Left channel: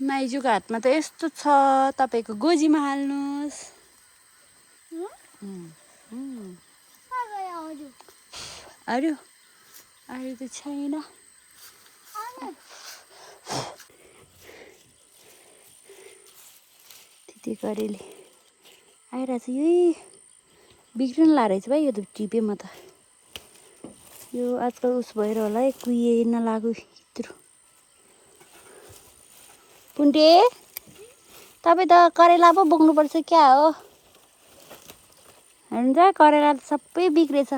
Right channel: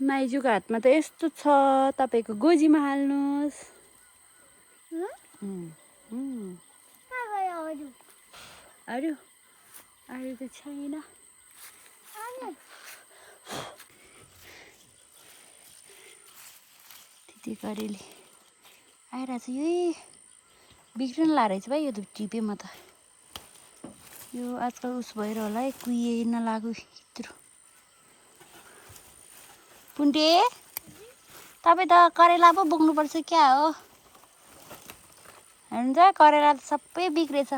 माइजूको हातमा त यस्तो छ तपाईँको गोजीमा हाल्नुहोस् अरू अरू त छैन त्यति गरेले आइरहेछ यही बिग्रिनु लागेको रहेछ भाइ यो त टिपेँ म त यो आजकल उस भएर होला है कुहिएन लाग्यो यत्रो पुन्टे तपाईँ त करेला पो बोक्नुपर्छ क्या हो हुन्छ करेला त सबै बिग्रेछ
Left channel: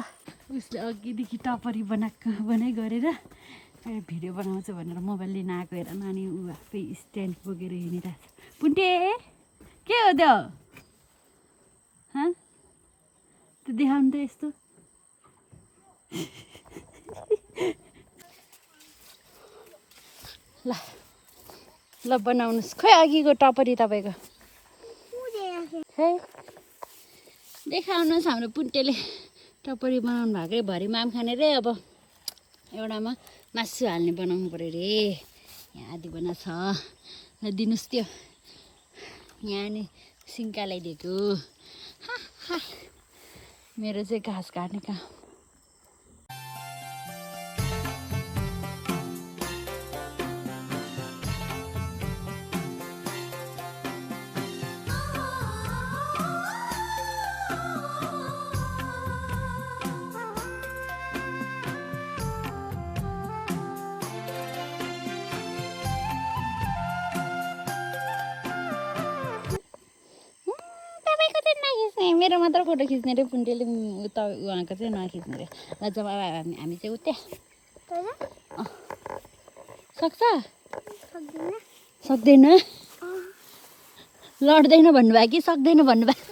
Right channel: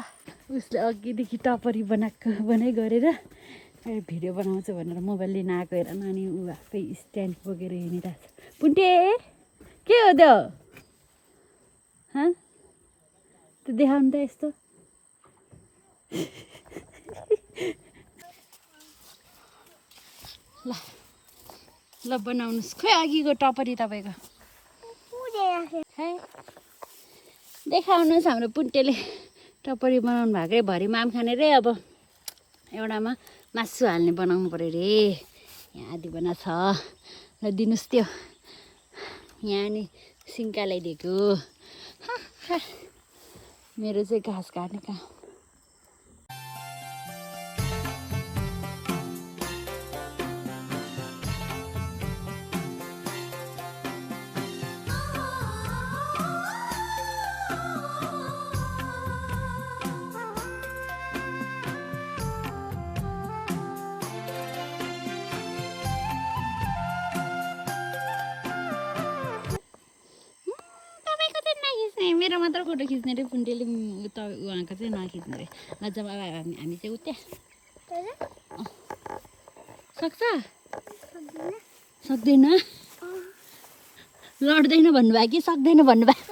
उसले अघिदेखि टपरी बनाइ गरेर भिडियो बनाउँछु भनेर मोबाइल लिन आएको हेर नानी ऊ आफै स्ट्यान्ड बोकेर हिँडिरहेको छ पुन्टे के हो त्यो त्यो देखाउनु त यस्तो ल ल बनाउनुहोस् खै अघिको टपरी तपाईँको खै देखाउनुहोस् हाम्रो पुन्टेले टपरी बनाउनु भएकै भरि माम खाने रे अब एउटामा मासु हाल्ने बनाउनु पऱ्यो रे यहाँ आधी बना छ ल दिनुहोस् त्यो यहाँ नि सिन्का ल्याइदिएको मेरो चाहिँ घाँस काट्ने काम मेरो मात्र फोटो खिच्ने रे पुन्टेले उहाँको चाहिँ नखिच्ने रे ल जब हामी चाहिँ उतै सक्छ सक्दैन लड्दैन भन्नुभयो कि सक्दैन भन्नुभयो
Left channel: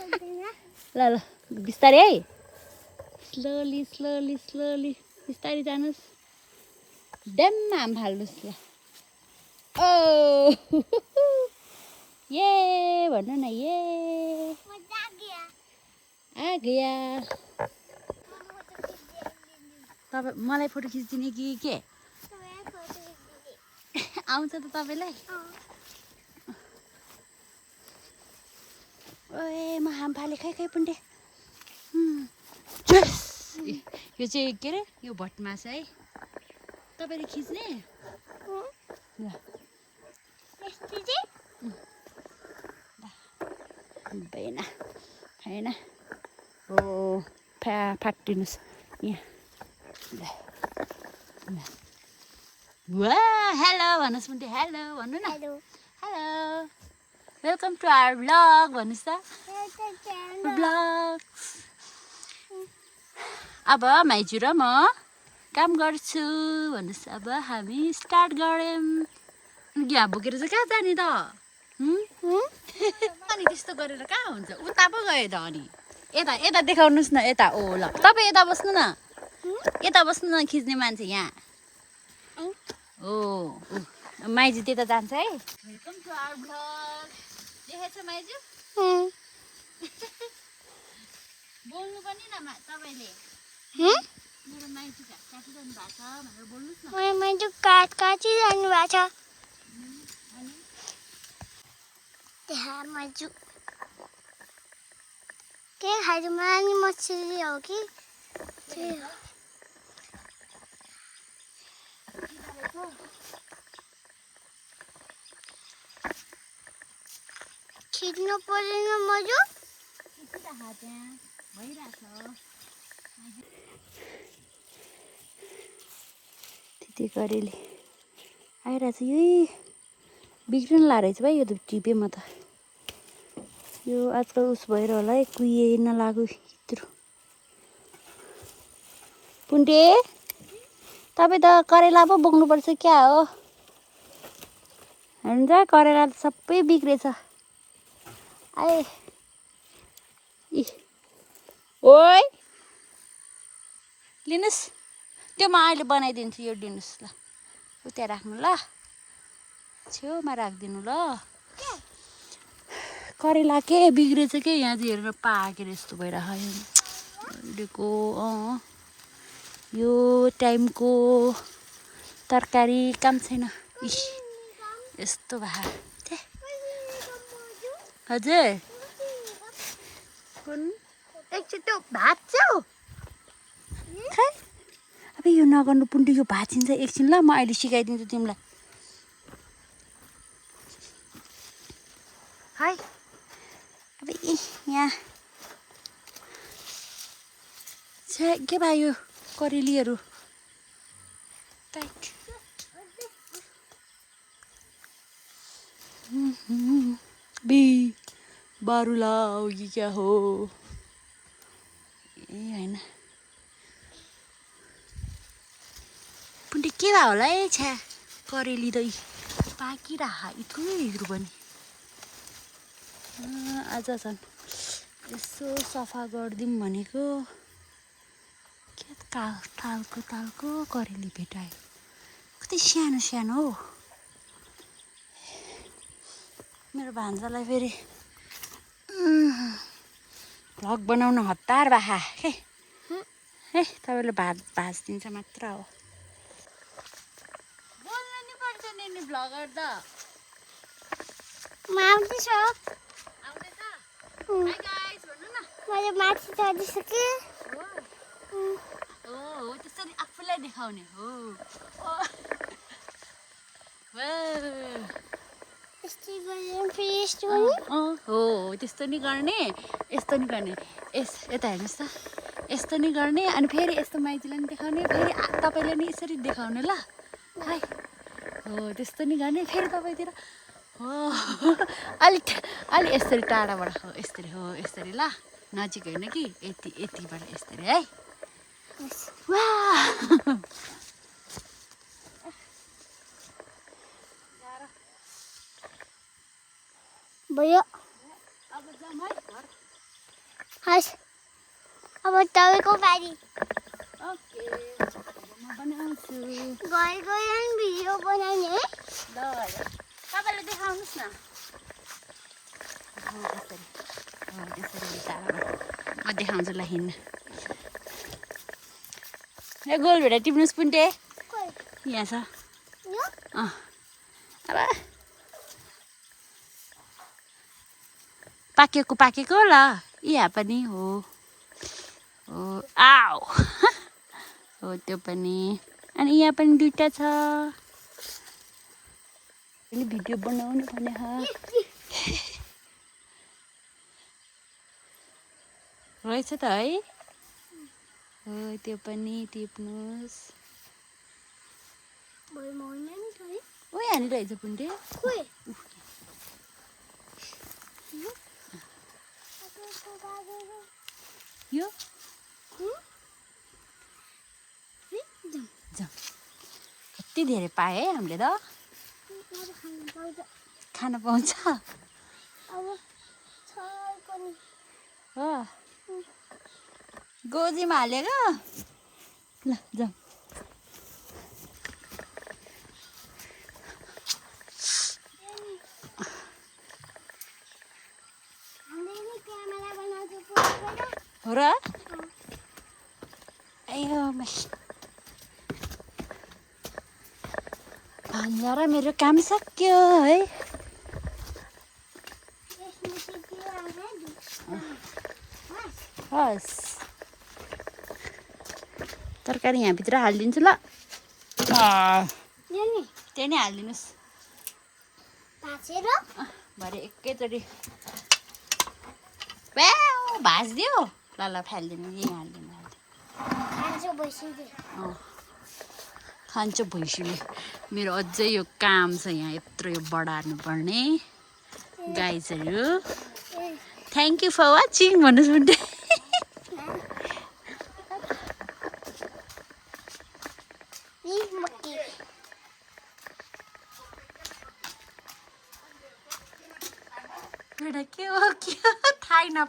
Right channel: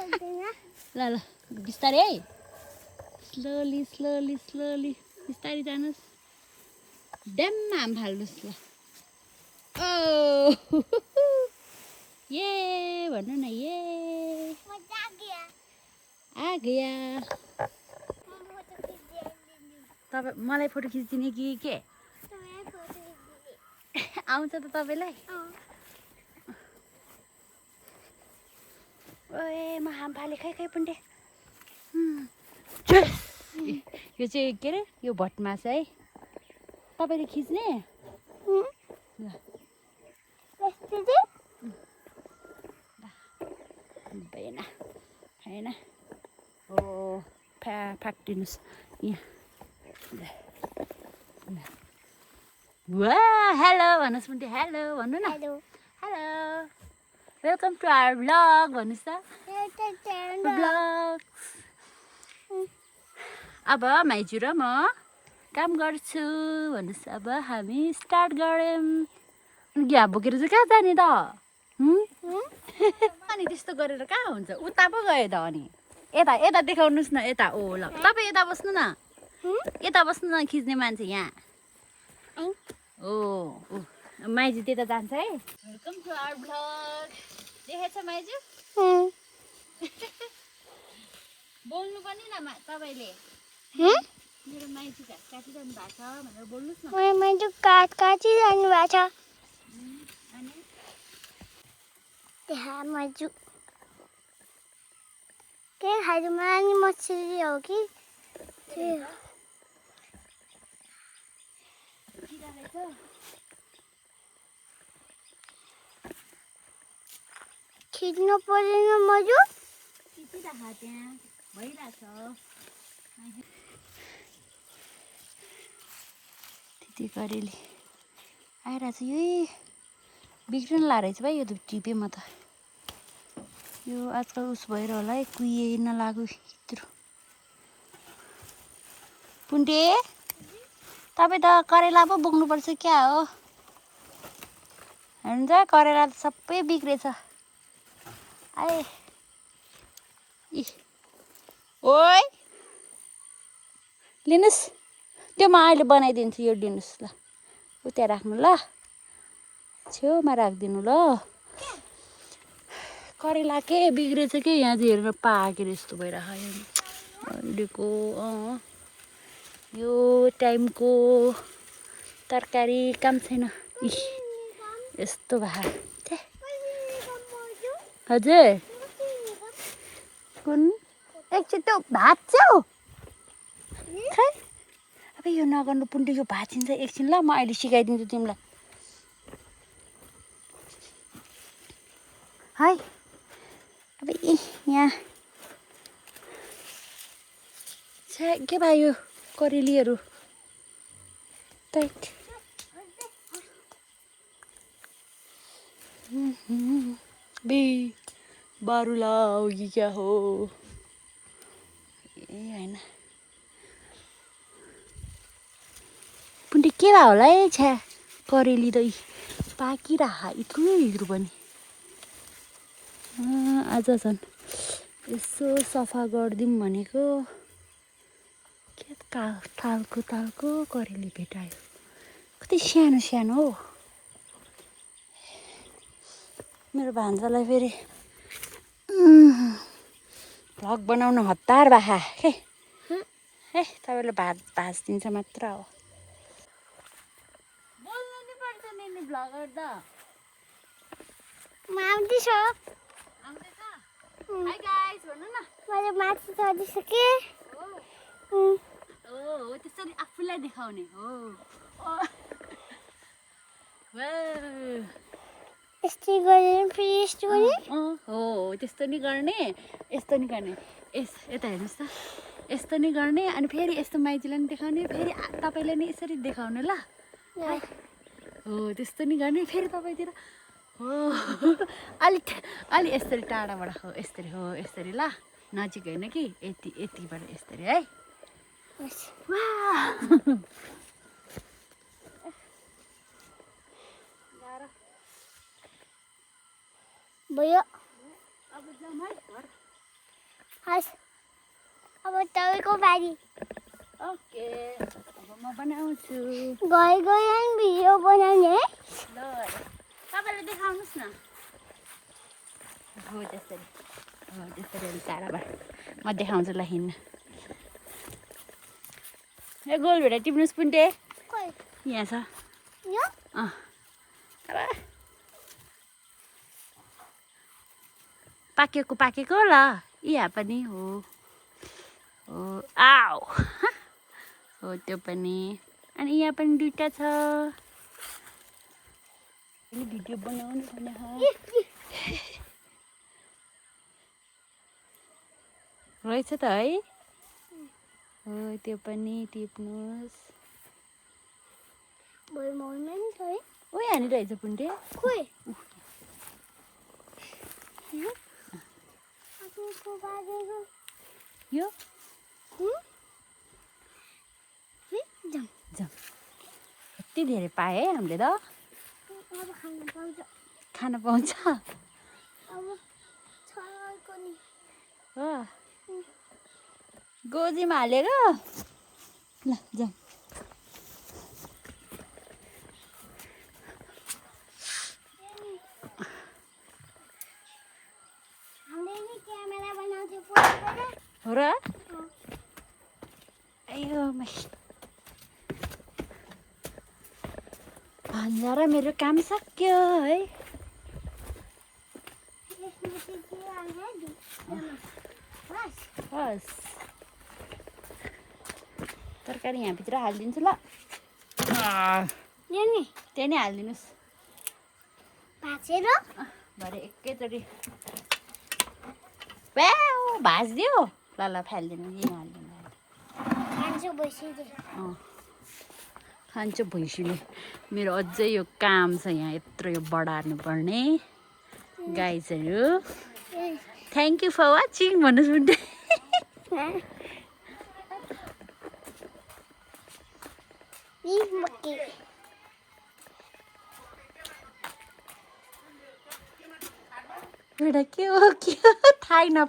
ल ल बिस्तारै है स्लोली स्लोली स्लोली बिस्तारै जानुहोस् ड्याममा हाम फाल्नुहोस् ल ओ ये भन्नु न ये आ गया तपाईँ मलाई फोटो खिचिदिने कि के आउँछ त तपाईँलाई ओए म हाम फाले खै खै पुन्टे यो चाहिँ के अरे यो भटमास है तपाईँले खिच्ने भएन होइन ओ फ्याक्टिनुहोस् यहाँ वा हेलो भन्नुहोस् मुन्टे हेलो भन्नु न hello welcome to our blog भन्नुहोस् त ब्लग अब माइजू र म काम गर्छु भन्नुहोस् अब हामी स्टार्ट गऱ्यौँ यहाँ बोकेर चाहिँ कहाँ जाने त अनि त्यस्तो गरेर कहाँ हुन्छ उता पो गयो त अनि यता यता देखाउनुहोस् न यता ओ ल तपाईँ यता बस्नु न यता बस्नु न खिच्ने मान्छे यहाँ ओ माइजू त्यता जान्छ है वेलकम टु आवर ब्लग देखेछ माइजू बोल्नु पनि न तपाईँले मेरो माइजू घाँस काटिरहनु भएको छ भनेर बोल्नुहोस् न मेरो माइजू घाँस काटिरहनु भएको छ अनि त्यहाँ माइजू के खाइदिउँ नानी मछली हो कि खिच्नु पर्दैन माइजू खिचिराख त्यहाँ भइरहेछ त्यति गरेले आइरहेछ यही बिग्रिनु लागेको रहेछ भाइ यो त टिपेँ म त यो आजकल उस भएर होला है कुहिएन लाग्यो यत्रो पुन्टे तपाईँ त करेला पो बोक्नुपर्छ क्या हो हुन्छ करेला त सबै बिग्रेछ आए ओइ लिनुहोस् त्यो म अहिले बनाइदिन्छु यो दिनुहोस् ल उता राख्नु ल छेउमा राखिदिनु ल करेला के बिग्रेछ के यहाँ चाहिँ हेरेर पाकेर यस्तो भइरहेको अहिलेको यो टाइमको तरकारी काम छैन यस्तो भए हजुर कुन एकचोटि त्यो भाँच्छौ खै अब यो नगर्नु पुण्डी यो भाँचिन्छ एकछिन ल म अहिले सिकाइदिन्छु तिमीलाई है अब यहाँ छ्या के भयो यो करेलीहरू टाइट बी बारुला हो कि क्या हो ए होइन पुण्डी के भयो होला है छ्या करेली त पाकिरह इत्रु पनि आज झन् यसो सफा गरिदिउँ भनेको के तालको करेली भेटायो कति सानो सानो हो मेरो भान्जालाई फेरि भ्लग बनाउन हतार बाखा हे तपाईँले भाँचिदिन्छ मात्र हो बोल्न नि पर्छ नि भ्लगर त म आउँदैछु हाई गाइस भन्नु न मैले माथि चढिसकेँ हो त्यसरी आफूलाई देखाउने हो यस्तै गरेर फेरि यस्तो गर्ने हो त्यस्तो नि गर्ने यस्तो नि गर्ने यता हेर्नुहोस् त यस्तो नि गर्ने अनि फेरि यस्तो माइतीलाई नि देखाउने फेरि तपाईँले नि यसरी देखाउने ल हो त्यस्तो नि गर्ने फेरि तपाईँतिर हो अलि यसरी टाढाबाट हो यसरी ल नजिक होइन कि यतिबाट यसरी है भयो अब जाउँ है घर हस् अब तपाईँको बारी ओके अब म बनाउँछु गए भिडियो बनाउने है ल तपाईँले देखाउनुहोस् न हो त्यसरी अलिक टाढाबाट म देखाउँछु ल हिँड्नु ए गोल भेडा टिप्नुहोस् पुन्टे यहाँ छ अब पाकेको ल यहाँ पनि हो आऊ हो त्यो पनि अनि यहाँ पनि दुईटा छ भिडियो बनाउनु भने रहेछ त है हो त्यो पनि टिप्नुहोस् ओ यहाँनिर रहेछ पुन्टे यो जाउँ कति धेरै पाएँ है हामीले त खान पाउँछ हो गोजीमा हालेर ल जाउँ हो र अयो भान्जा र मेरो काम सक्यो है हस् तरकारी यहाँभित्र हालिदिन्छु ल त्यही नै हालिदिनुहोस् भरे एकैचोटि भाँचिदियो ल फालिदिनु यहीँ हालिदिनु खान्छ भैँसीले मेरो अझै यो काम छ यहाँ यत्रो यो बढार्नु पर्ने गाइजहरू थ्याङ्क यू फर वाचिङ भन्नुहोस् भन्दै बेटा के हो थाहै नपाए